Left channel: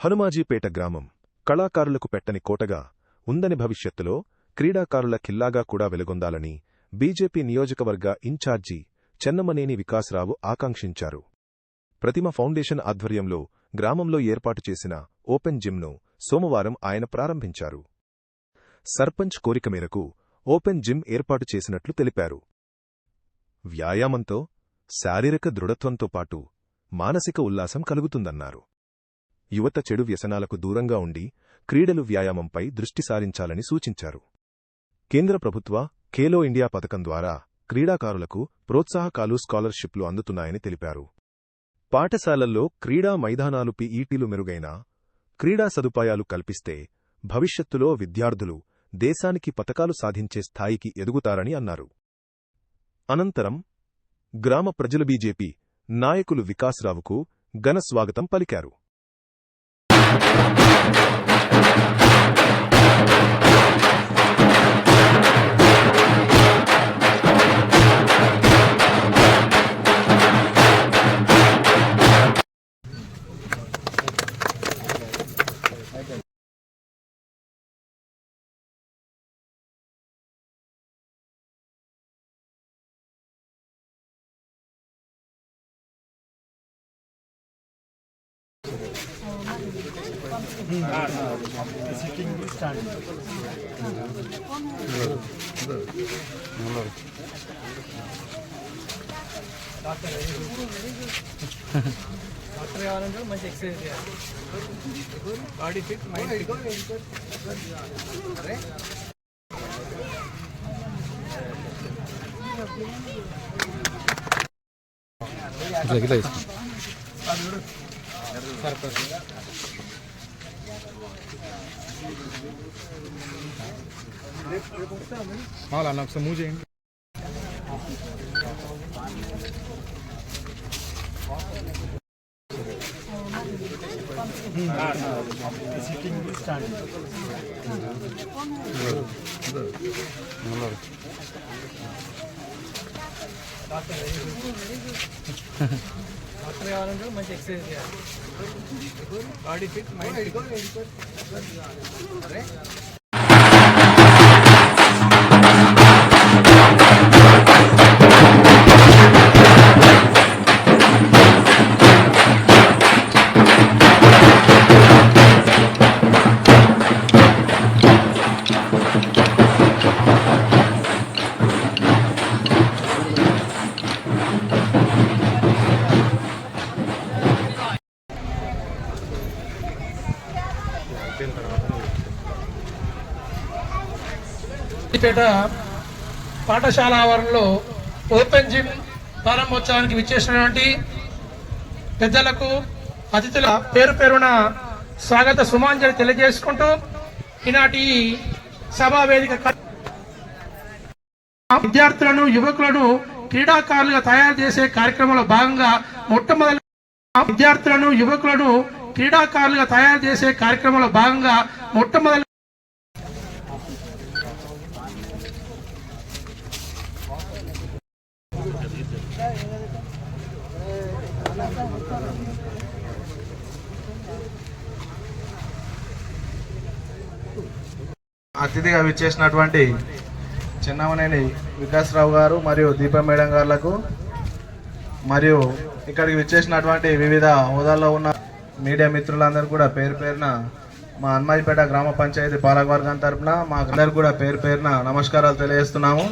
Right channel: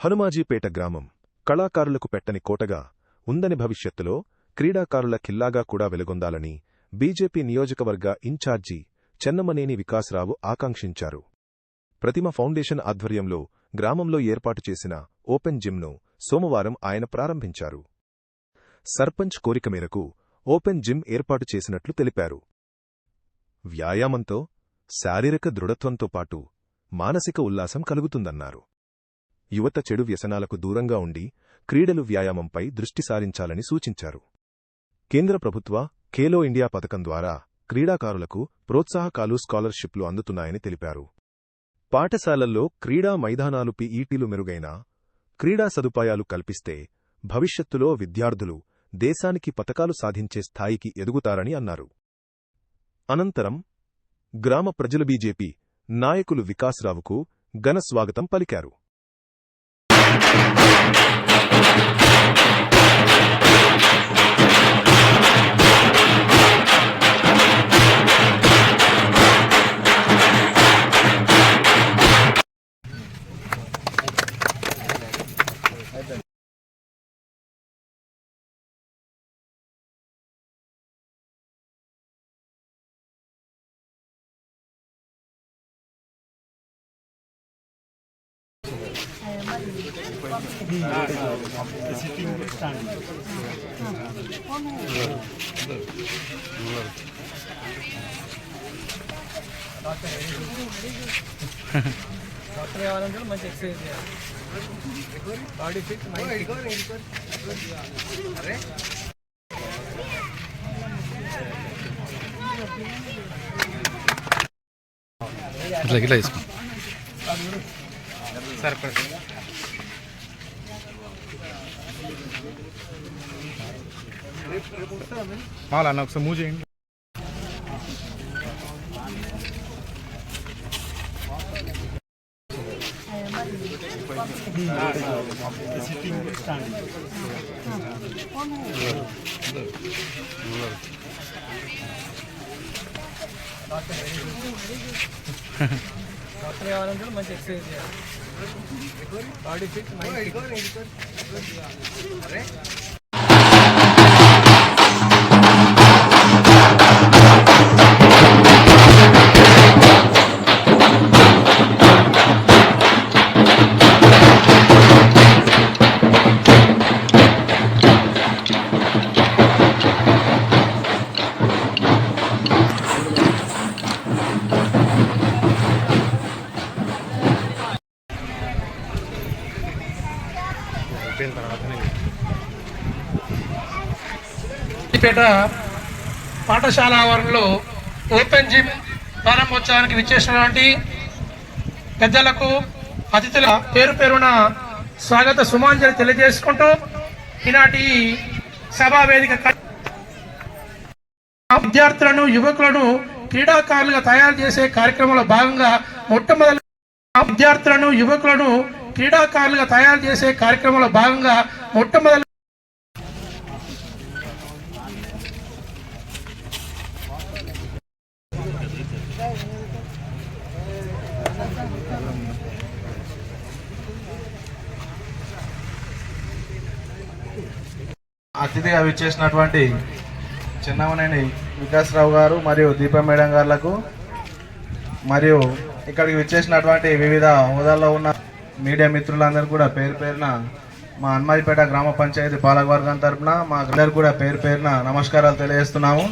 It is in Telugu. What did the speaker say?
హనుమాజీపేట గ్రామం కళాకారులకు పెట్టని కోటగా ఉందని, భవిష్యత్తులో క్రీడాకారుల ఖిల్లాగా కూడా వెలుగొందాలని బీజేపీ నియోజకవర్గ ఇన్ఛార్జి చెన్నమనేని వికాసరావు ఆకాంక్షించారు. ప్రతిమ ఫౌండేషన్ ఆధ్వర్యంలో గ్రామంలో ఏర్పాటు చేసిన ఓపెన్ జిమ్ను సోమవారం ఆయన ప్రారంభించారు. సర్పంచ్ కోరిక మేరకు ఓపెన్ జిమ్ ఏర్పాటు చేసినట్లు తెలిపారు. వ్యాయామంతో శారీరక దృఢత్వంతో పాటు మానసిక ఉల్లాసం కలుగుతుందన్నారు. యువత చెడు వ్యసనాలకు దూరంగా ఉండి క్రీడలు, వ్యాయామంపై దృష్టి సారించాలని సూచించారు. కేంద్ర ప్రభుత్వ ఖేలో ఇండియా పథకం ద్వారా క్రీడాకారులకు ప్రోత్సాహకాలు, స్కాలర్షిప్లు అందుతున్నాయని తెలిపారు. పాఠశాలల్లో క్రీడా మైదానాలు, పీఈటీలు మెరుగైన క్రీడా సదుపాయాలు కల్పిస్తే భవిష్యత్తులో విద్యార్థులు దేశానికి పతకాలు సాధించే స్థాయికి ఎదుగుతారని అన్నారు. అనంతరం గ్రామ ప్రజలు బీజేపీ నాయకులు వికాసరావుకు ఘన స్వాగతం పలికారు. Sitting standing. డాక్టర్ కావాలంటే మంచి ఎక్సర్సైజ్ చేయాలి. Body fit, mind fit. ఇట్లా తీసుకో సరిపోతుంది. అన్న ఒకసారి మూవ్ చేయండి. Sitting standing. డాక్టర్ కావాలంటే మంచి ఎక్సర్సైజ్ చేయాలి. Body fit, mind fit. పేట పాఠశాల ఆవరణలో ఓపెన్ జిమ్ ప్రారంభోత్సవానికి విచ్చేసినటువంటి పెద్దలకు, అతిథుల పేరు పేరున స్వాగత సుమాంజలి తెలియజేసుకుంటూ ఈనాటి సభా వేదిక విద్యార్థులను, యువకులను క్రీడాకారులుగా తయారు చేసే కార్యక్రమంలో భాగంగా మొట్టమొదటి అతిథిగా విచ్చేసినటువంటి చెన్నమనేని వికాసరావు గారు మరియు దీపం మేడం గారులకు, మరియు ఇక్కడికి విచ్చేసినటువంటి వివిధ హోదాల్లో ఉన్న మీడియా మిత్రులందరూ కూడా పేరు పేరున మా హనుమాజీపేట గ్రామ పంచాయతీ పాలకవర్గం తరఫున మా అందరూ కూడా పేరు పేరున నమస్కారాలు తెలియజేస్తున్నాము.